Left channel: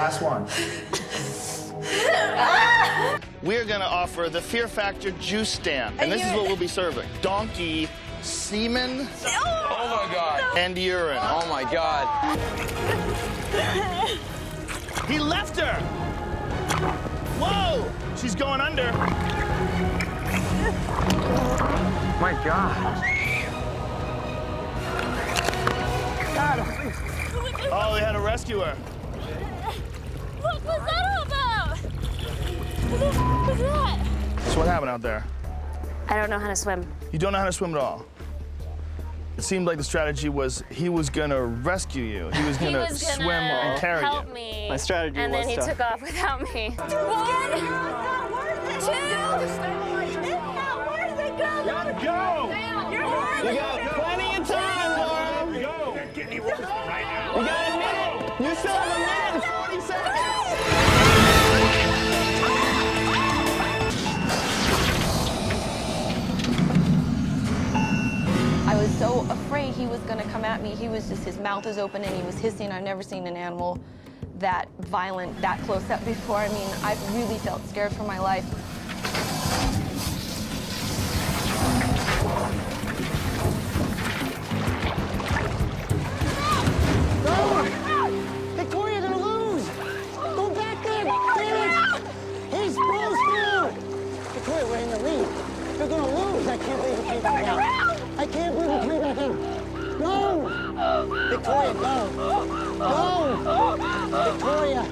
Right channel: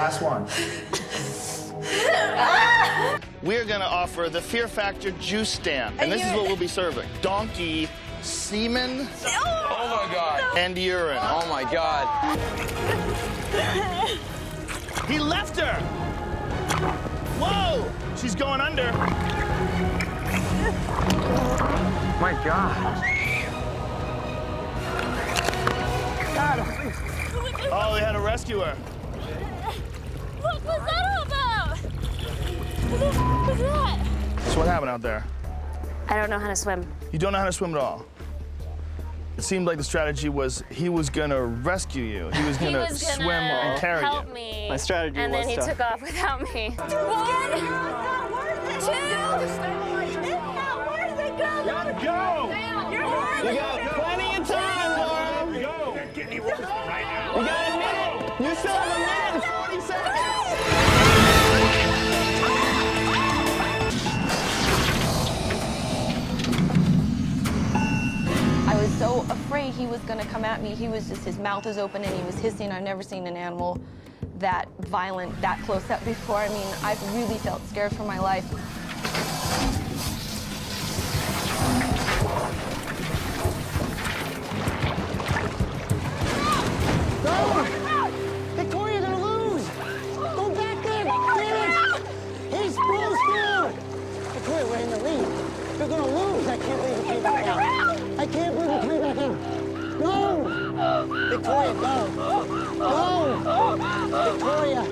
Last one. We're gonna offer the Fear Factor juice stand, and this is what we'll be serving. Donkey semen. Oh my God. And urine. Oh my God. He left her! Whoa! She's going under. My God. Oh, they had to rescue her. What was that all about? What the f was that? So what happened out there? I don't know how to swim. You don't know how to swim at all. It seemed like the strategy was he was gonna rescue you. He was gonna swim and carry help you. me. My strategy and was then he to- took off without me. One, two. You go! You got plenty of time, Laura. Go! Get any ropes right now. You got a minute. You still have a minute and 40 seconds. I was so afraid he was gonna come at me. He was just, his mouth is open and he was hissing. I've never seen an animal that violent, that close up before. I mean, I really felt scared for my life. Go! Victoria, they're gonna lose! Go back there! Damn it! He's full speed! Victoria, we're in the lead. They're gonna lose! I can't believe you came back out. I can't believe you came back out. No! Victoria, go! Go! Victoria,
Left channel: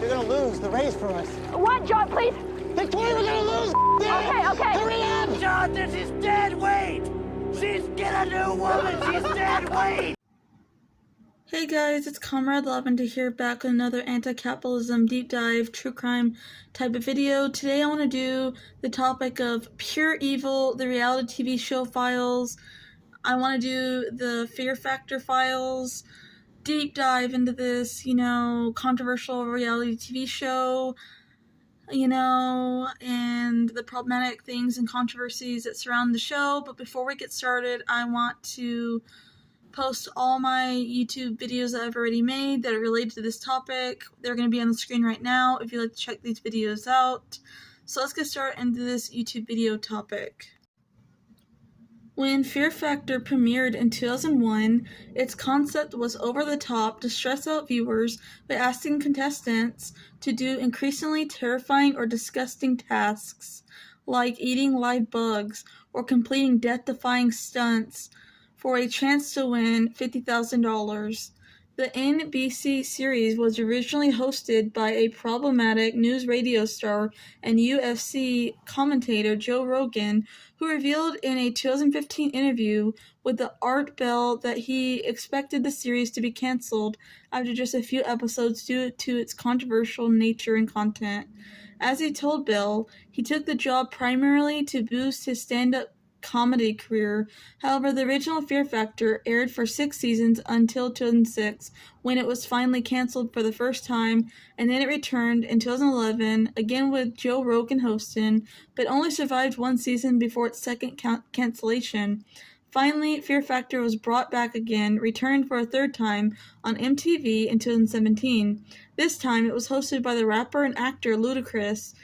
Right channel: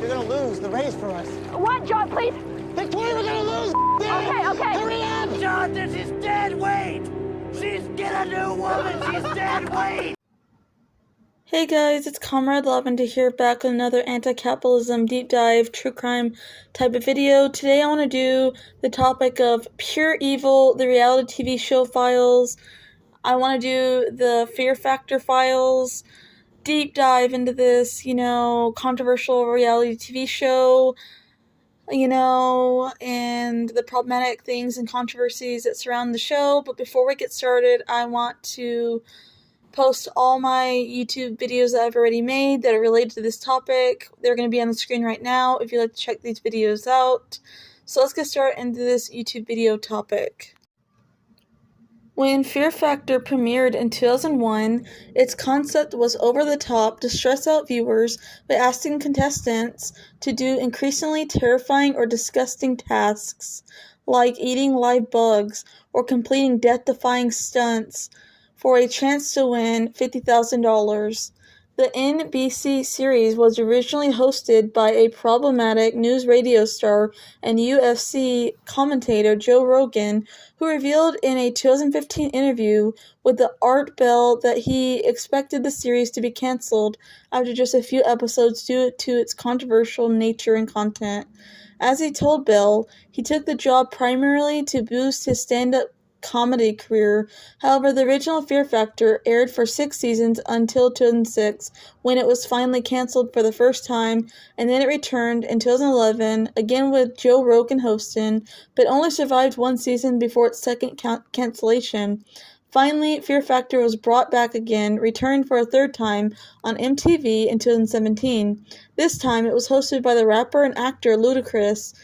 you're gonna lose the race for us. What, John, please? Victoria, we're gonna lose! Okay, okay. Hurry up! John, this is dead weight! She's get a new woman! She's dead weight! Hey guys, it's Comrade Lavender here, back with another anti-capitalism deep dive true crime type of video. Today I want to do the topic of Pure Evil, the reality TV show files. I want to do the Fear Factor files, deep dive into this, controversial reality TV show, and the problematic things and controversies that surround the show. But before we get started, I want to post all my YouTube videos that I've already made that are related to this topic. They're going to be on the screen right now if you'd like to check these videos out. So let's get started into this YouTube video topic. When Fear Factor premiered in 2001, its concept was over the top to stress out viewers by asking contestants to do increasingly terrifying or disgusting tasks, like eating live bugs or completing death-defying stunts, for a chance to win $50,000. The NBC series was originally hosted by a problematic news radio star and UFC commentator Joe Rogan, who revealed in a 2015 interview with the Art Bell that he expected the series to be canceled after just a few episodes due to its controversial nature and content. As he told Bell, he took the job primarily to boost his stand-up comedy career. However, the original Fear Factor aired for 6 seasons until 2006, when it was finally canceled for the first time, and then it returned in 2011, again with Joe Rogan hosting, but only survived 1 season before its second cancellation. Finally, Fear Factor was brought back again, returned for a 3rd time on MTV in 2017. This time, it was hosted by the rapper and actor Ludacris.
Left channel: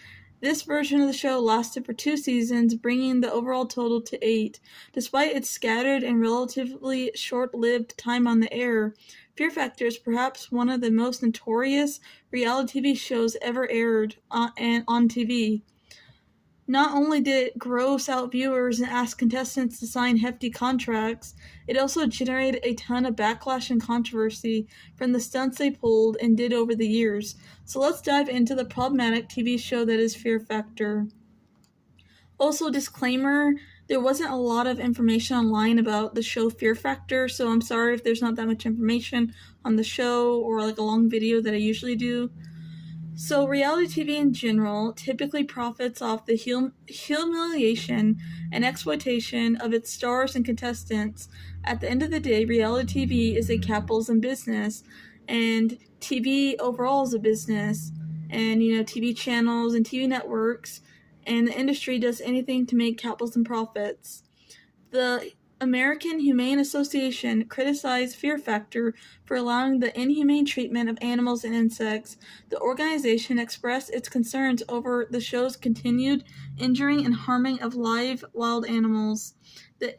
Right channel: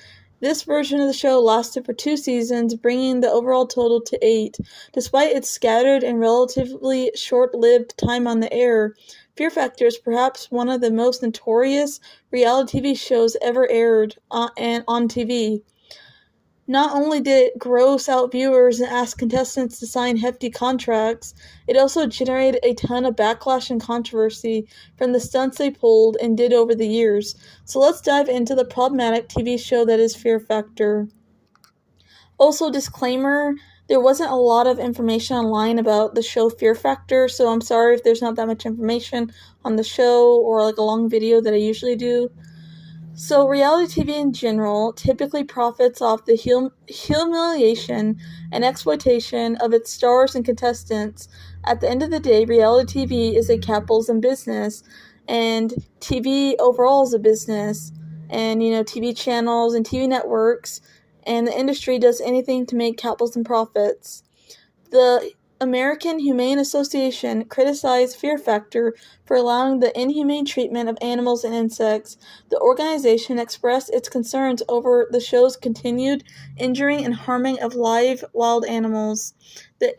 This version of the show lasted for 2 seasons, bringing the overall total to 8. Despite its scattered and relatively short-lived time on the air, Fear Factor is perhaps one of the most notorious reality TV shows ever aired on TV. Not only did it gross out viewers and ask contestants to sign hefty contracts, it also generated a ton of backlash and controversy from the stunts they pulled and did over the years. So let's dive into the problematic TV show that is Fear Factor. Also, disclaimer, there wasn't a lot of information online about the show Fear Factor, so I'm sorry if there's not that much information on the show or like a long video that I usually do. So reality TV in general typically profits off the humiliation and exploitation of its stars and contestants. At the end of the day, reality TV is a capitalism business, and TV overall is a business, and TV channels and TV networks, and the industry does anything to make capitalism profits. The American Humane Association criticized Fear Factor for allowing the inhumane treatment of animals and insects. The organization expressed its concerns over the show's continued injuring and harming of live wild animals. The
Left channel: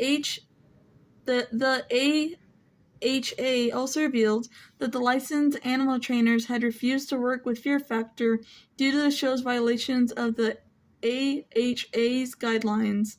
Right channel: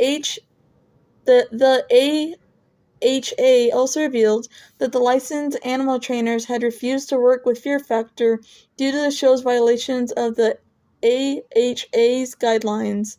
AHA also revealed that the licensed animal trainers had refused to work with Fear Factor due to the show's violations of the AHA's guidelines.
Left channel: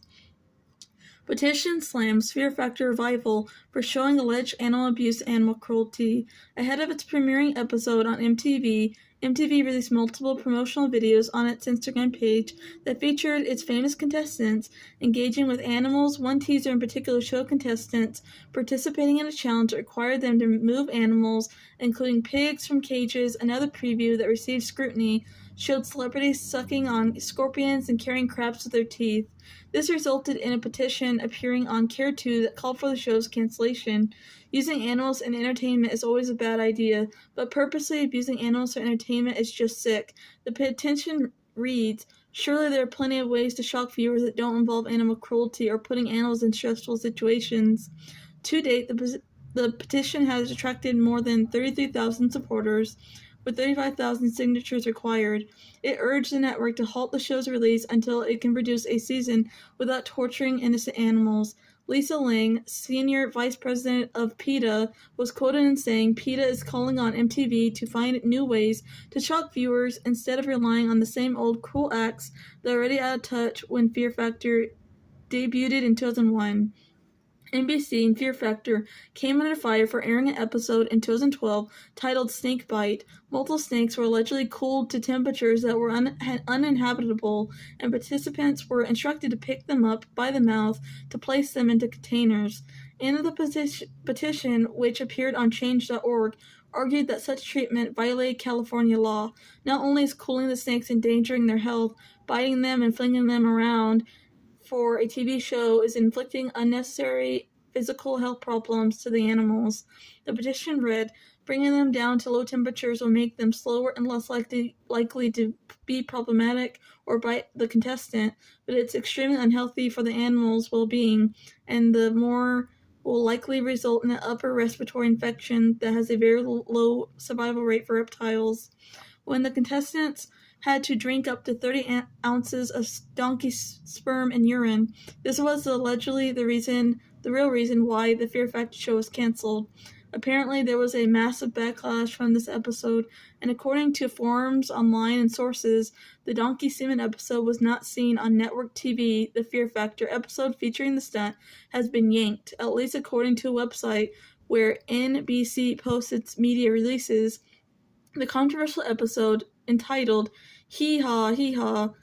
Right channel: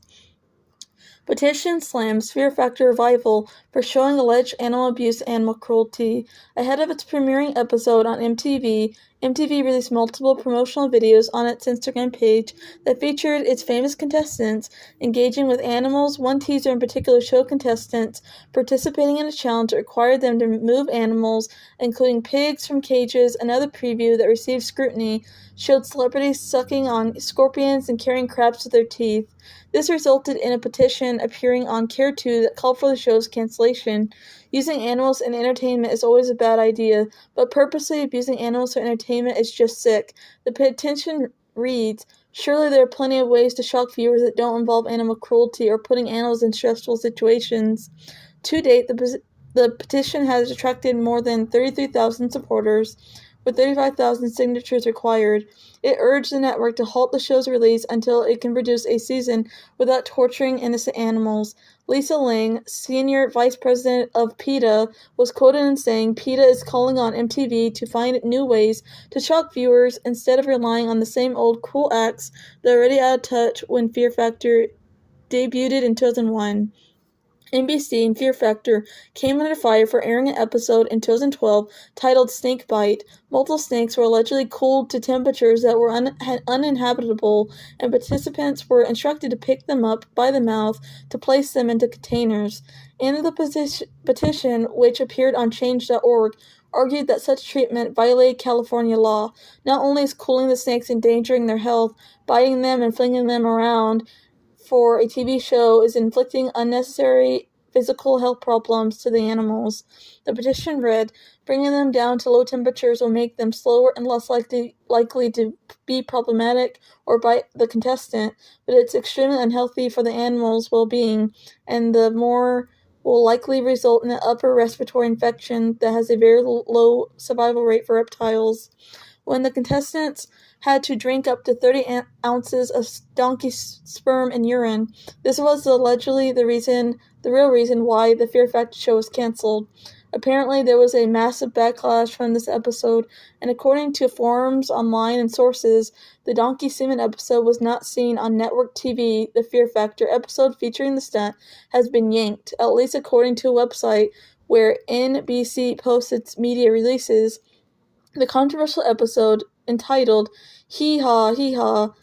Petition slams Fear Factor Revival for showing alleged animal abuse and animal cruelty. Ahead of its premiering episode on MTV, MTV released multiple promotional videos on its Instagram page that featured its famous contestants engaging with animals. One teaser in particular showed contestants participating in a challenge that required them to move animals, including pigs from cages. Another preview that received scrutiny showed celebrities sucking on scorpions and carrying crabs with their teeth. This resulted in a petition appearing on Care 2 that called for the show's cancellation. Using animals in entertainment is always a bad idea, but purposely abusing animals for entertainment is just sick. The petition reads, "Surely there are plenty of ways to shock viewers that don't involve animal cruelty or putting animals in stressful situations." To date, the petition has attracted more than 33,000 supporters, with 35,000 signatures required. It urged the network to halt the show's release until it can produce a season without torturing innocent animals. Lisa Ling, senior vice president of PETA, was quoted in saying, "PETA is calling on MTV to find new ways to shock viewers instead of relying on the same old cruel acts that are already out of touch when Fear Factor debuted in 2001. NBC and Fear Factor came under fire for airing an episode in 2012 titled Snake Bite. Multiple snakes were allegedly cooled to temperatures that were uninhabitable, and participants were instructed to pick them up by the mouth to place them into containers. And the petition, which appeared on change.org, argued that such treatment violated California law. Not only is cooling the snakes endangering their health, biting them and flinging them around for a TV show is inflicting unnecessary physical health problems to the animals. The petition read, "Bringing them down to low temperatures will make them slower and less likely to be problematic or bite the contestant, but it's extremely unhealthy for the animal's well-being, and the more will likely result in an upper respiratory infection that has a very low survival rate for reptiles." When the contestants had to drink up to 30 ounces of donkey sperm and urine. This was allegedly the real reason why the Fear Factor show was canceled. Apparently, there was a massive backlash from this episode, and according to forums online and sources, the donkey semen episode was not seen on network TV. The Fear Factor episode featuring the stunt has been yanked, at least according to a website where NBC posts its media releases. The controversial episode, entitled Hee Haw, Hee Haw,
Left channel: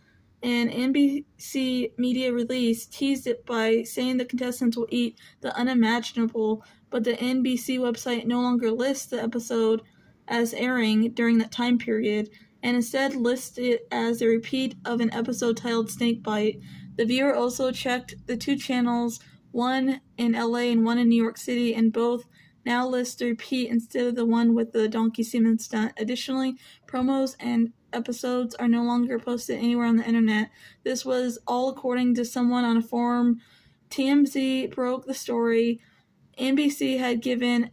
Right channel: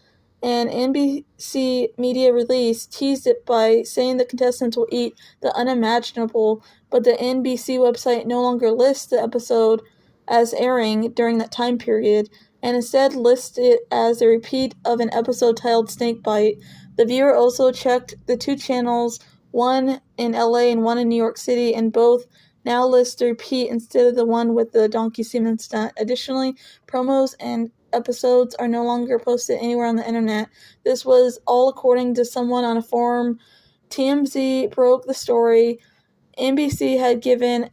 an NBC media release teased it by saying the contestants will eat the unimaginable, but the NBC website no longer lists the episode as airing during that time period, and instead lists it as a repeat of an episode titled Snake Bite. The viewer also checked the two channels, one in LA and one in New York City, and both now list the repeat instead of the one with the donkey semen stunt. Additionally, promos and episodes are no longer posted anywhere on the internet. This was all according to someone on a forum. TMZ broke the story. NBC had given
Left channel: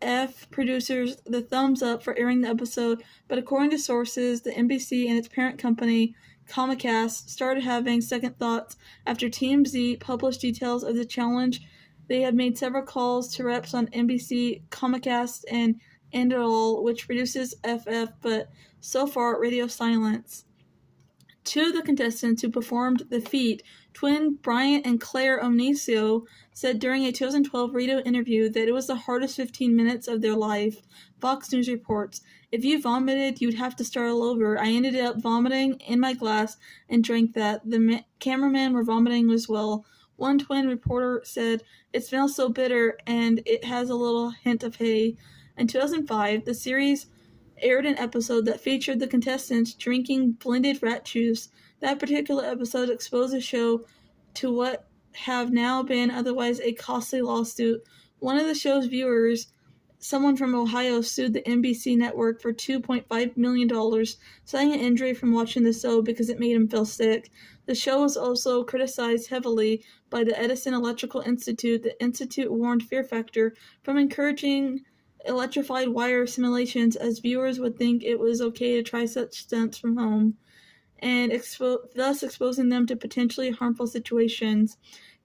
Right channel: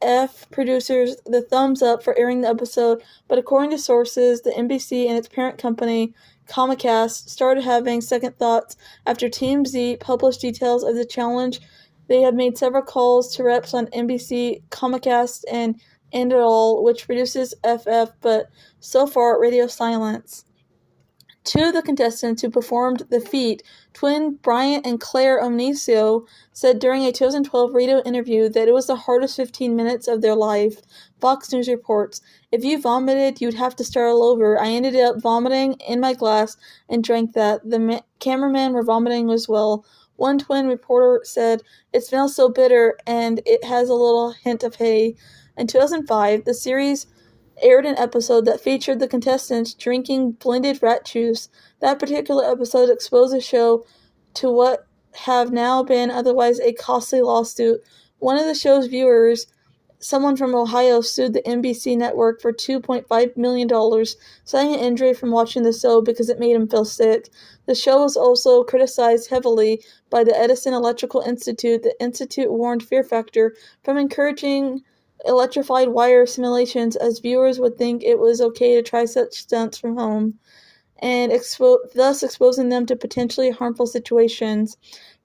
producers the thumbs up for airing the episode, but according to sources, the NBC and its parent company, Comcast, started having second thoughts after TMZ published details of the challenge. They have made several calls to reps on NBC, Comcast, and Endall, which produces FF, but so far radio silence. Two of the contestants who performed the feat, twin Bryant and Claire Omnisio, said during a 2012 radio interview that it was the hardest 15 minutes of their life. Fox News reports, "If you vomited, you'd have to start all over. I ended up vomiting in my glass and drank that. The cameramen were vomiting as well." One twin reporter said, "It smells so bitter and it has a little hint of hay." In 2005, the series aired an episode that featured the contestants drinking blended rat juice. That particular episode exposed the show to what have now been otherwise a costly lawsuit. One of the show's viewers someone from Ohio sued the NBC network for $2.5 million, citing an injury from watching the show because it made him feel sick. The show was also criticized heavily by the Edison Electrical Institute. The institute warned Fear Factor from encouraging electrified wire simulations, as viewers would think it was okay to try such stunts from home, and thus exposing them to potentially harmful situations.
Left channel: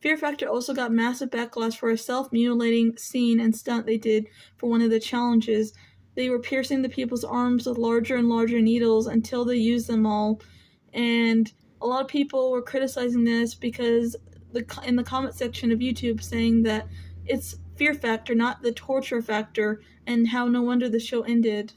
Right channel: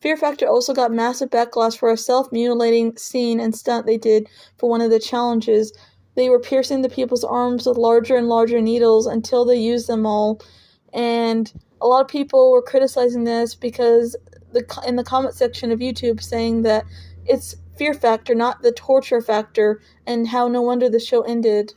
Fear Factor also got massive backlash for a self-mutilating scene and stunt they did for one of the challenges. They were piercing the people's arms with larger and larger needles until they used them all, and a lot of people were criticizing this because in the comment section of YouTube saying that it's Fear Factor, not the torture factor, and how no wonder the show ended.